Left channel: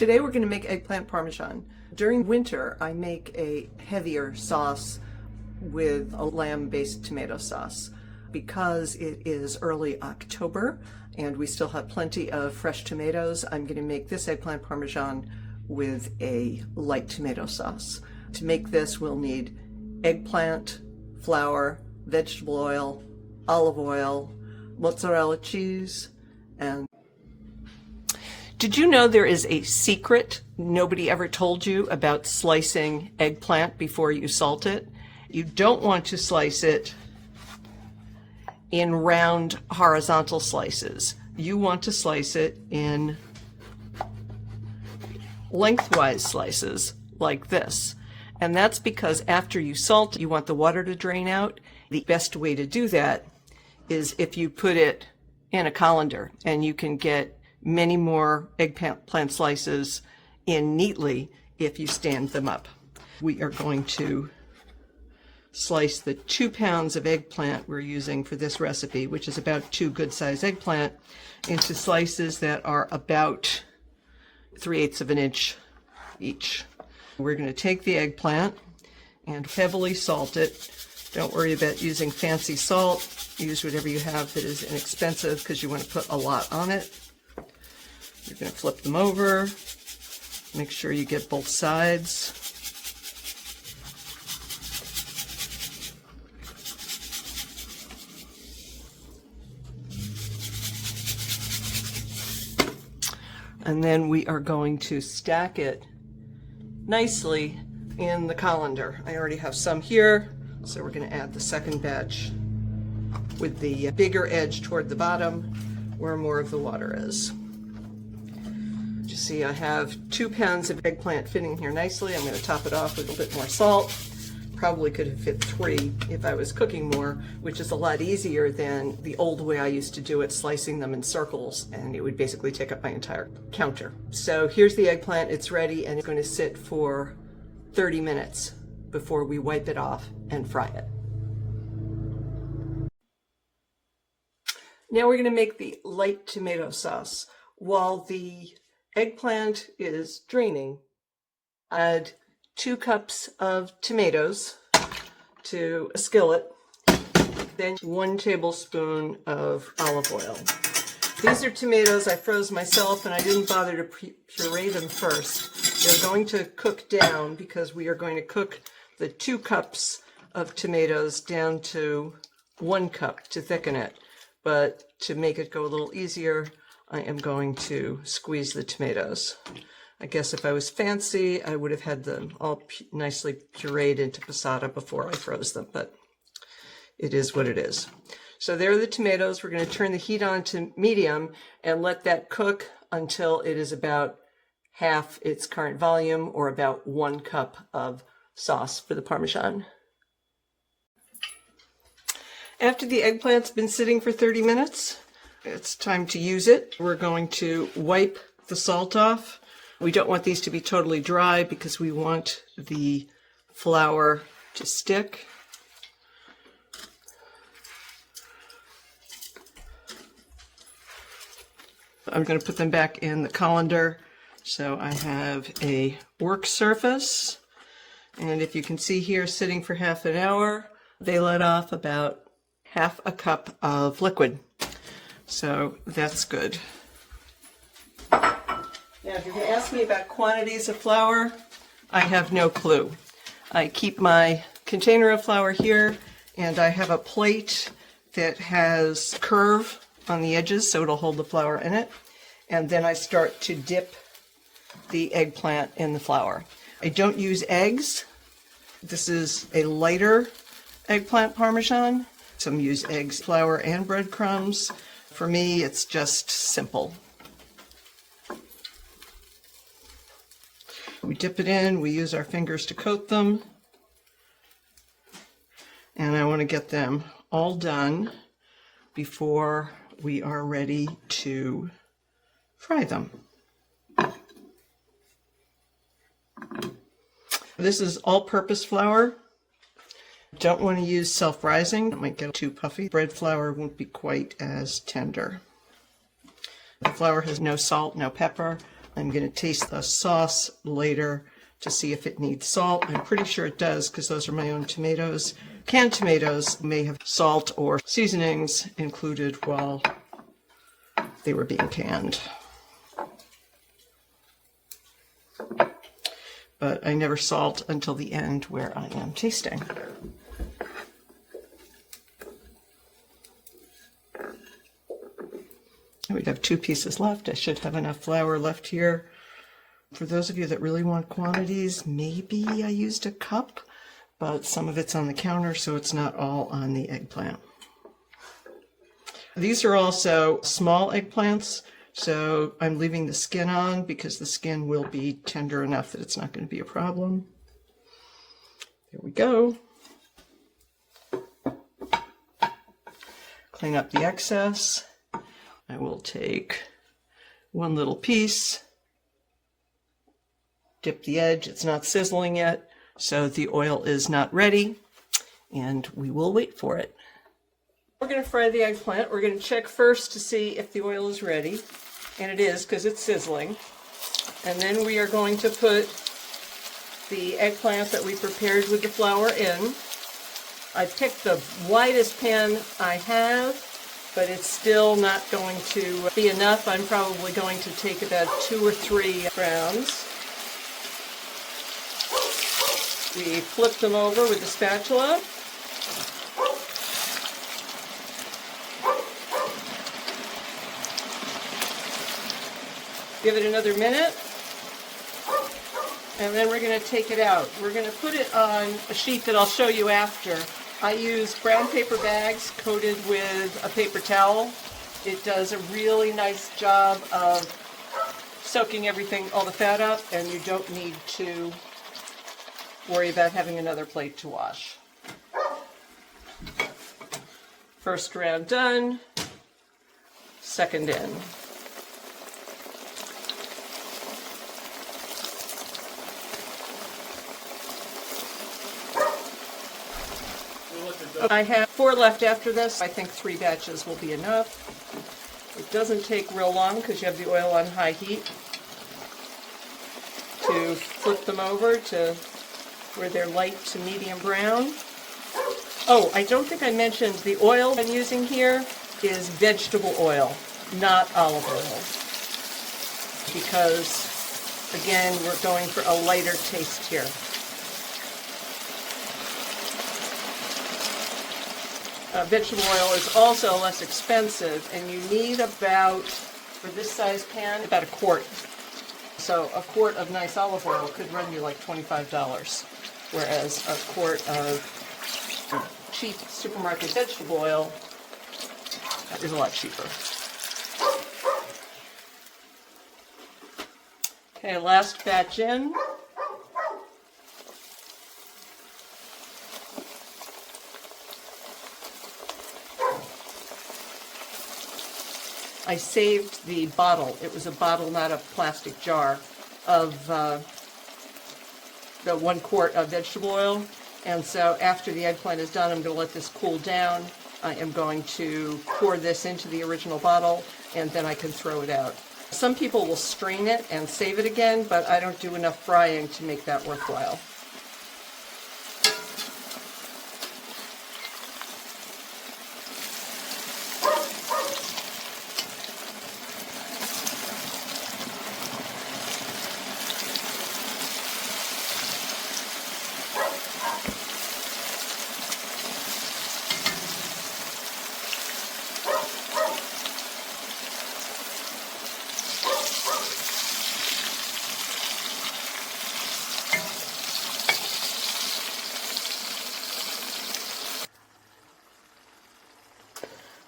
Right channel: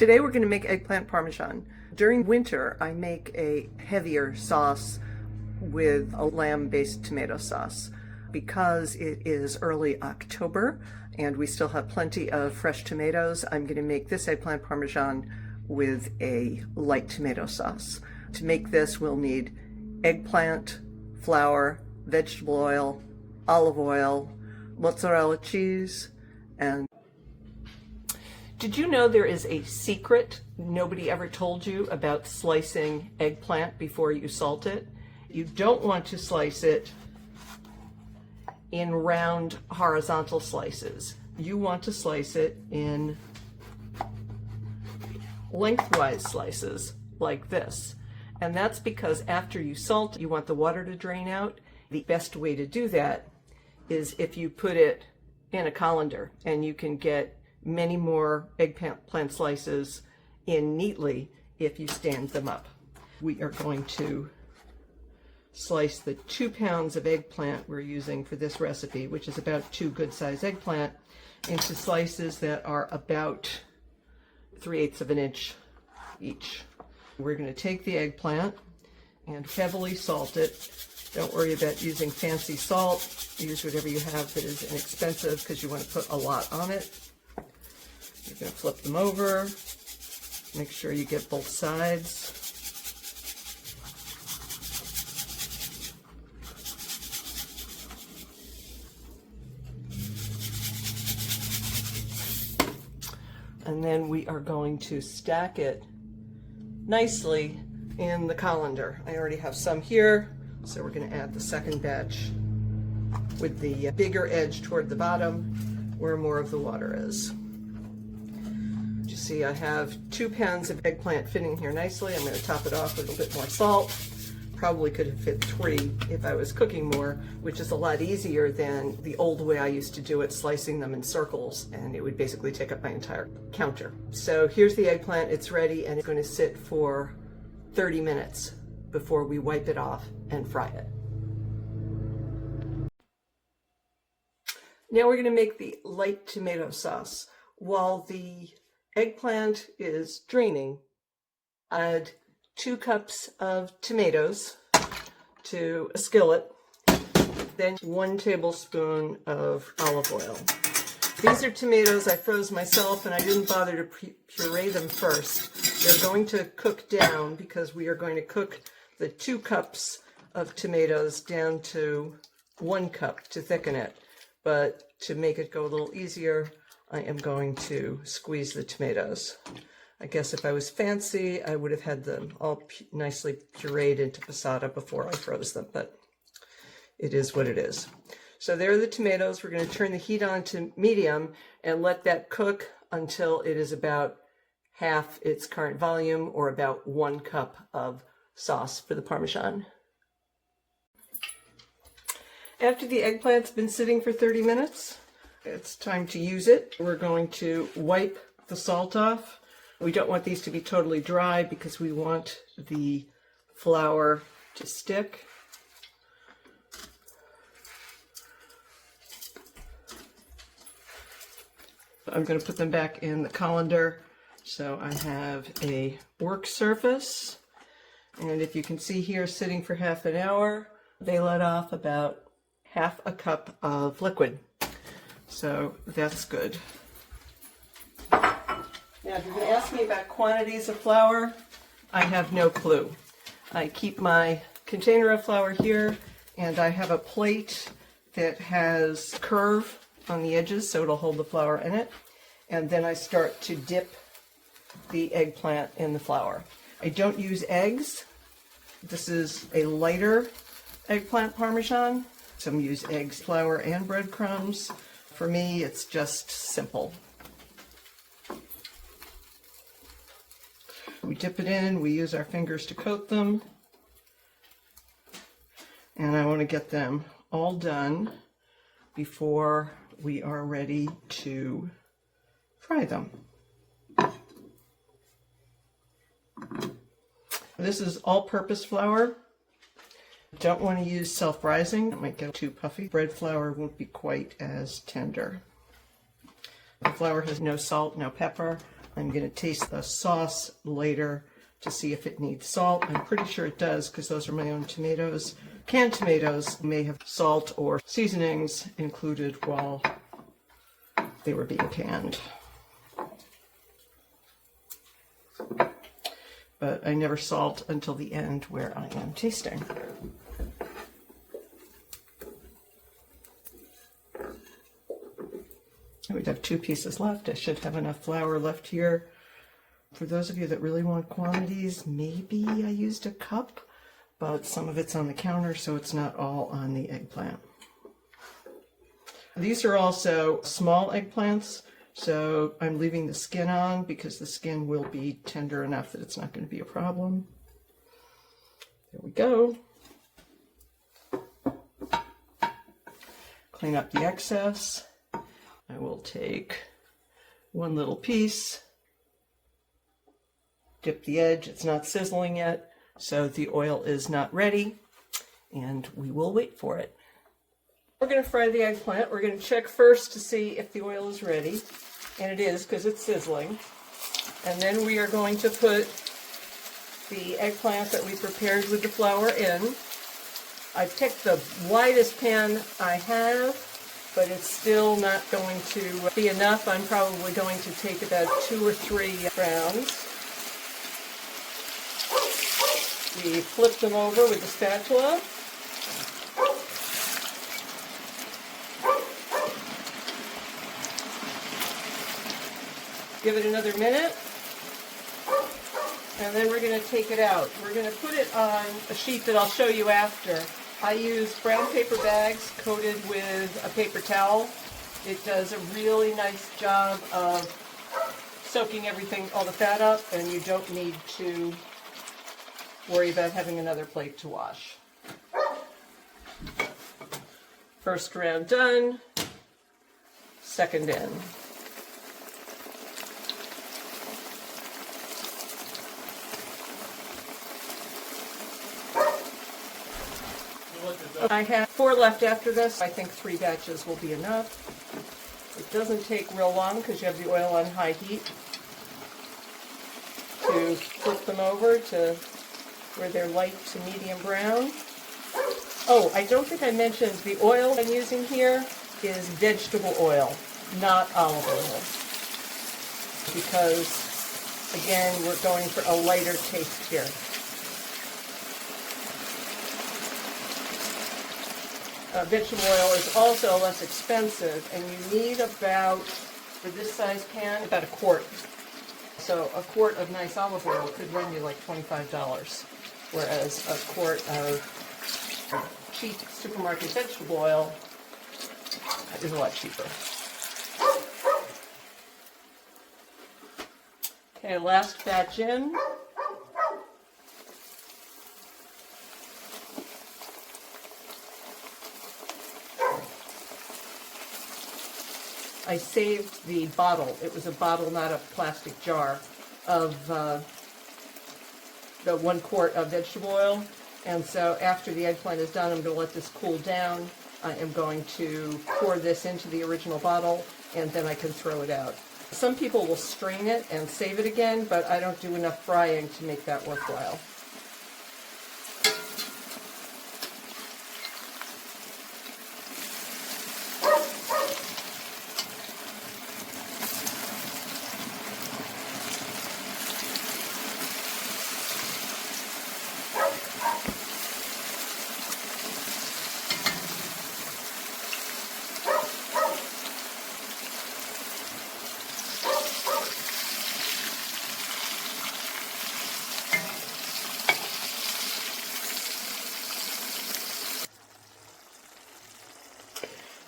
Today we're going to make eggplant parmesan. During winter, I make a heavier sauce with a lamb-based tomato sauce. Because it is early October and we still have plenty of fresh tomatoes, I'm going to make this eggplant parmesan with a light tomato sauce. To make this, we'll need eggplant, flour, vegetable oil, olive oil, mozzarella cheese, and did you know there is a secret nobody ever told you about slicing eggplant before you salt it? You don't want to slice it in round horizontal slices. You want to slice it in lengthwise slices like this. And that's because after you salt, you want the water to drain out. The best way to do that is if you put it in a colander, and you can get many more eggplant slices in neatly if you stand them up. We are going to slice the 2 pounds of eggplant we're using for this recipe, which is about 2 good-sized eggplant, into slices that are about 3/8 of an inch each. We're going to take the eggplant and heavily salt it. Don't worry about using fancy salt. Use whatever you have that is inexpensive because you want to put a lot on it. You're going to flip them over. Make sure you get both sides. And then we are going to stack it nicely in the colander. I already have some here, so we're going to add the second batch with the bigger edge toward the bottom where more of the water is. You see I have 2 pounds of eggplant fitting here nicely. I'm going to top it off with a bit more salt. Probably could have fit 3 if I was cooking more, which is a lot easier than the old way I used to do it, slicing them in circles, and it would basically take up my entire counter. So here's the eggplant. It's ready, and it's going to sit for 30 minutes before we wipe it off and fry it. Now we're going to make the light tomato sauce. While the eggplant is draining, add 2 cups of tomatoes to a skillet, then 1 tablespoon of olive oil. These are tomatoes I froze myself, and I didn't bother to puree them first. They're going to cook down because we are going to cook the 2 cups of tomatoes down to 1 cup to thicken it. But to make it go a little easier, I am going to squeeze the tomatoes. I guess if I was fancy, I would have had them all nicely pureed into passata before I froze them, but it is what it is. So there are the tomatoes. We're going to turn the heat on to medium and let that cook until it is about half its current volume, or about 1 cup of sauce for the Parmesan. After the eggplant's been sitting for 30 minutes, it's time to use it. We're going to wipe the salt off. We don't want these to be totally dry because we want the flour to stick. I'm going to put them back in the colander. So I have a work surface, and if you can see here, sitting for half an hour, they let off about half a cup of liquid. So that's good. Now, if you're going to ask me about quantities of flour, I have no clue. I keep my container of flour here, and I have a plate that has curve on the edges, so it'll hold the flour in it. And then I start to dip the eggplant in the flour. I don't use eggs. This is a lighter eggplant parmesan. Some use eggs, flour, and breadcrumbs. For me, it's just simple. We dip it in, we use our fingers to coat them, and I want to get them all done before we are ready to fry them. This is all-purpose flour. Don't want to use self-rising, it might get too puffy. Bread flour won't be quite as tender. The flour has no salt, no pepper. I'm going to taste the sauce later to see if it needs salt. I'm pretty sure it does because those are my own tomatoes. Canned tomatoes may have salt or seasonings included while they were being canned. But I never salt until the end where I am tasting. We have 2 pieces left. I should have enough flour left here. For those of you that really want quantities, maybe I used a cup, but some of it's on the counter, so it's not all on the eggplant. These are also small eggplants, so I'm leaving the skin on because the skin will be tender enough that it's not going to be a problem. There we go. Clean up the excess. I will take 1 little piece, dip the edge. It's not sizzling yet, so the oil is not ready, and we will wait for it. We're going to fry the eggplant. We're going to check first to see if the oil is ready, and it is because it's sizzling. And then we are going to put the eggplant that we prepared with the flour in. I picked the widest pan I have, but it's still not going to be enough. I'm probably going to take about 2 or 3 rounds. We flip them over with the spatula. Give it another minute. And then we're going to take it out. We're going to put it on a sheet that I'll show you after. I use brown paper bags coated with a paper towel. It does a really nice job of soaking everything, all the fat up, and you don't need to worry about having another plate to wash. First round done, second in. I have 4 left after this. I think 3 batches will be enough. It doesn't take real long because you have the oil on high heat to flip them over to where they're light to medium brown. Oh, I don't think I mentioned the oil I'm using here is vegetable oil, not olive oil, because again, we're going for a lighter taste here. Vegetable oil is also less expensive, and you need about, for this size pan, about 1 quart. So a quart of nice olive oil could run you like $25, whereas a quart of cheap supermarket vegetable oil is a lot cheaper. Okay, last batch in. I saved the bottle. It was a bottle, not a plastic jar, of the 1 quart of vegetable oil. And so after the eggplant is done, I'm going to let this cool down. I am going to pour this into the original bottle, and then I can throw it out. Some people will strain it and save it again, but I don't do enough frying to make that worthwhile.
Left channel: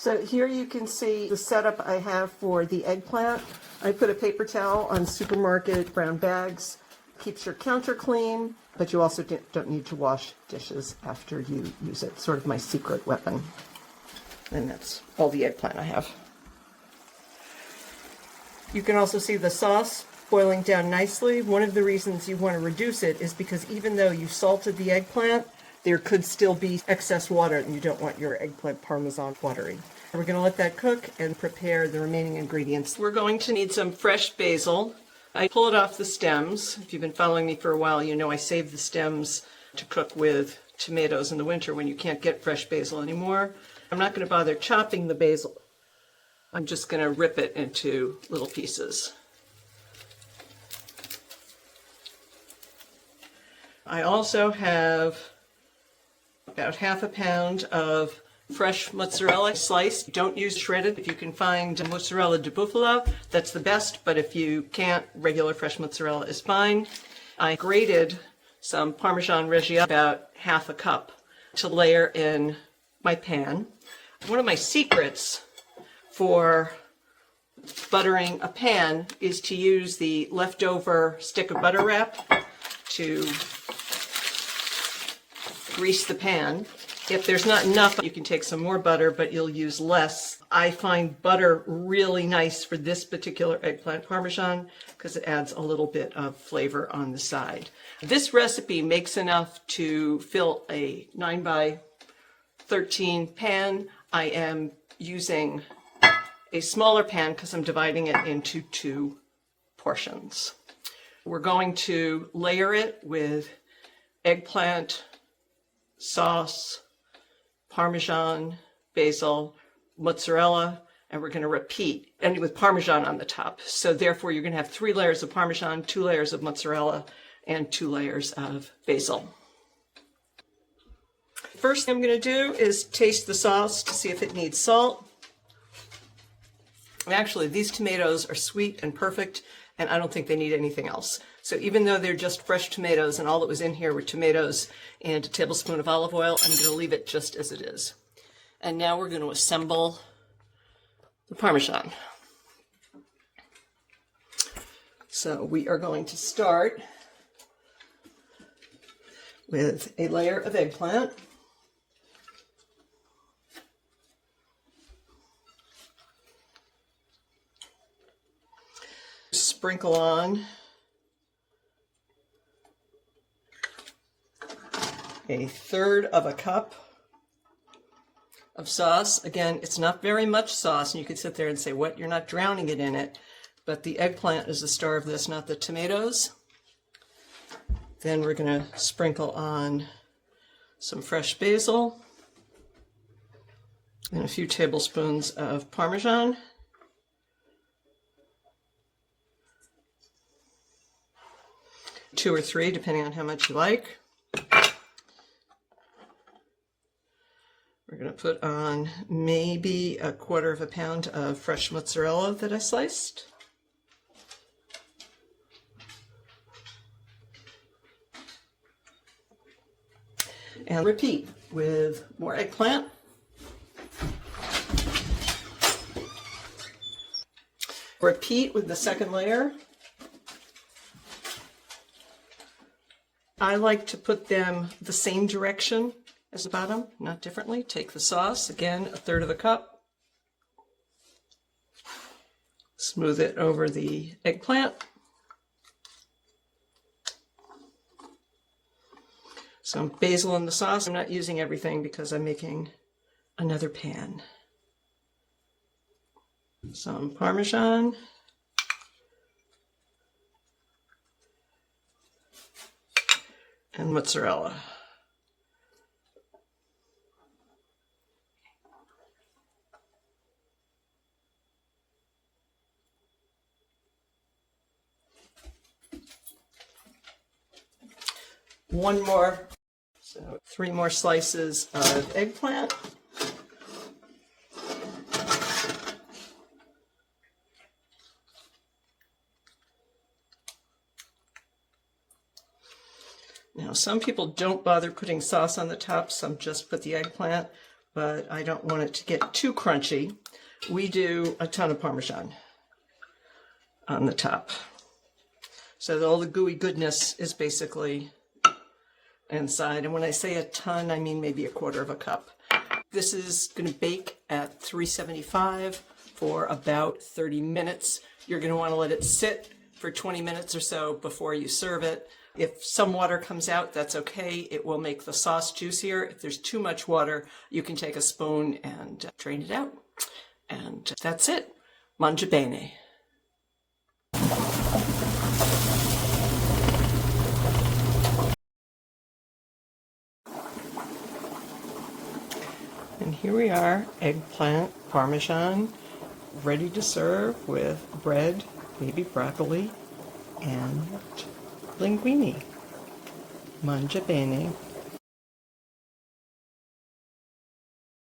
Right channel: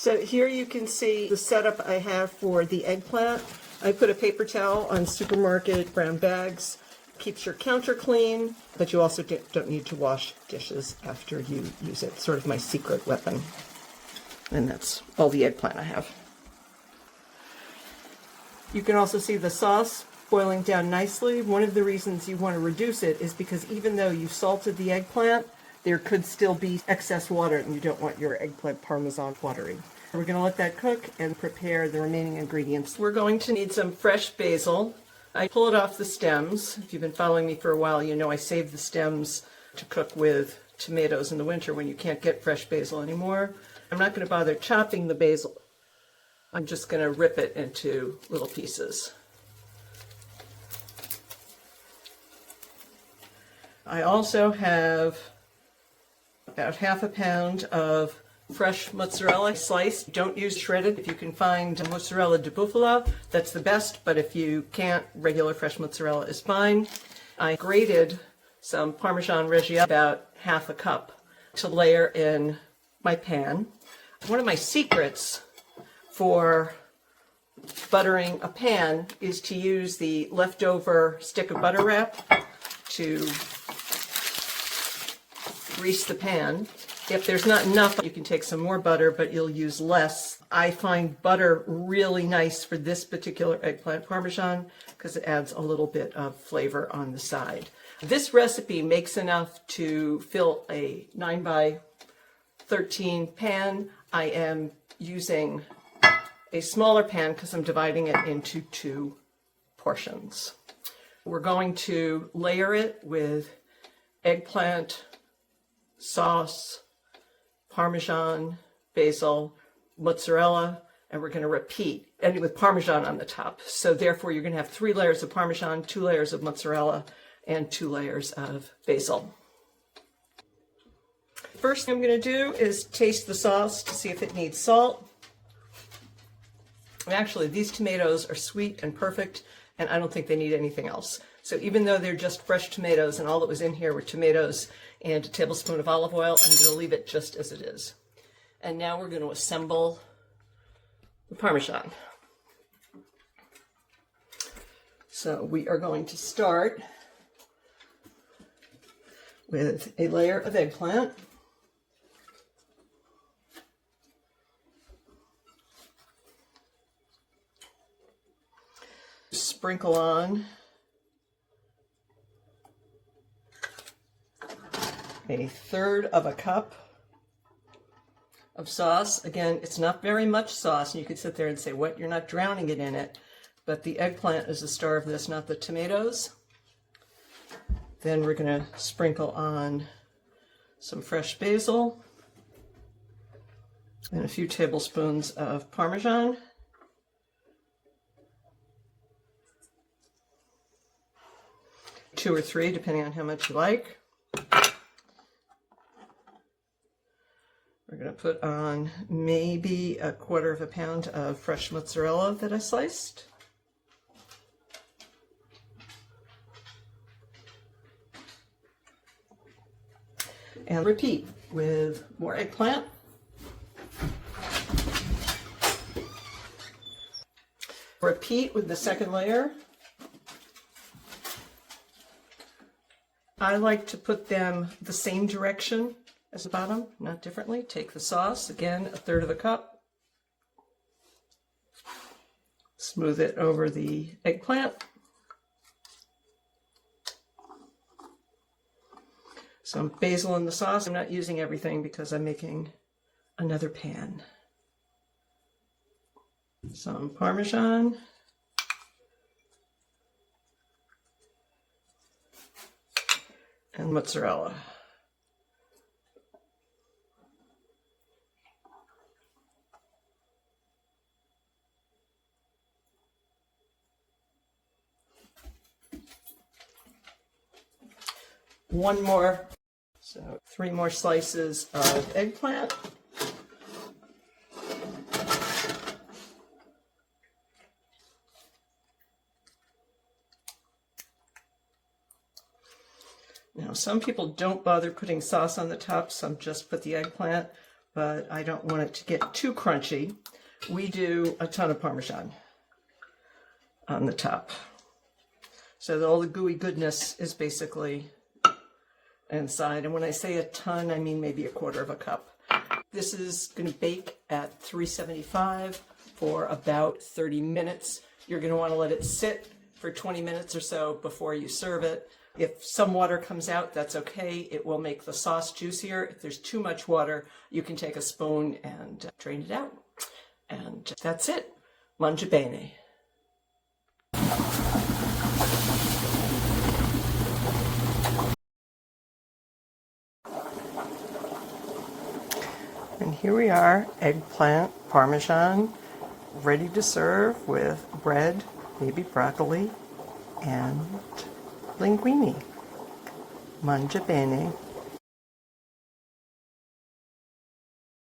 So here you can see the setup I have for the eggplant. I put a paper towel on supermarket brown bags. Keeps your counter clean, but you also don't need to wash dishes after you use it. Sort of my secret weapon. And that's all the eggplant I have. You can also see the sauce boiling down nicely. One of the reasons you want to reduce it is because even though you salted the eggplant, there could still be excess water, and you don't want your eggplant parmesan watery. We're going to let that cook and prepare the remaining ingredients. We're going to need some fresh basil. I pull it off the stems. If you've been following me for a while, you know I save the stems to cook with tomatoes in the winter when you can't get fresh basil anymore. I'm not going to bother chopping the basil. I'm just going to rip it into little pieces. I also have about half a pound of fresh mozzarella sliced. Don't use shredded. If you can find mozzarella di bufala, that's the best, but if you can't, regular fresh mozzarella is fine. I grated some Parmesan Reggiano, about half a cup, to layer in my pan. One of my secrets for buttering a pan is to use the leftover stick of butter wrap to grease the pan. If there's not enough, you can take some more butter, but you'll use less. I find butter really nice for this particular eggplant parmesan because it adds a little bit of flavor on the side. This recipe makes enough to fill a 9 by 13 pan. I am using a smaller pan because I'm dividing it into 2 portions. We're going to layer it with eggplant sauce, Parmesan, basil, mozzarella, and we're going to repeat, and with Parmesan on the top. So therefore you're going to have 3 layers of Parmesan, 2 layers of mozzarella, and 2 layers of basil. First thing I'm going to do is taste the sauce to see if it needs salt. Actually, these tomatoes are sweet and perfect, and I don't think they need anything else. So even though they're just fresh tomatoes and all that was in here were tomatoes and a tablespoon of olive oil, I'm going to leave it just as it is. And now we're going to assemble the Parmesan. So we are going to start with a layer of eggplant. Sprinkle on a third of a cup of sauce. Again, it's not very much sauce, and you could sit there and say, what, you're not drowning it in it, but the eggplant is the star of this, not the tomatoes. Then we're going to sprinkle on some fresh basil and a few tablespoons of Parmesan. Two or 3, depending on how much you like. We're going to put on maybe a quarter of a pound of fresh mozzarella that I sliced. And repeat with more eggplant. Repeat with the second layer. I like to put them the same direction as the bottom, not differently. Take the sauce, again, a third of a cup. Smooth it over the eggplant. Some basil in the sauce. I'm not using everything because I'm making another pan. Some Parmesan. And mozzarella. One more, so 3 more slices of eggplant. Now, some people don't bother putting sauce on the top, some just put the eggplant, but I don't want it to get too crunchy. We do a ton of Parmesan on the top. So all the gooey goodness is basically inside. And when I say a ton, I mean maybe a quarter of a cup. This is going to bake at 375 for about 30 minutes. You're going to want to let it sit for 20 minutes or so before you serve it. If some water comes out, that's okay. It will make the sauce juicier. If there's too much water, you can take a spoon and drain it out. And that's it. Mangia bene. And here we are, eggplant parmesan, ready to serve with bread, maybe broccoli, and linguine. Mangia bene.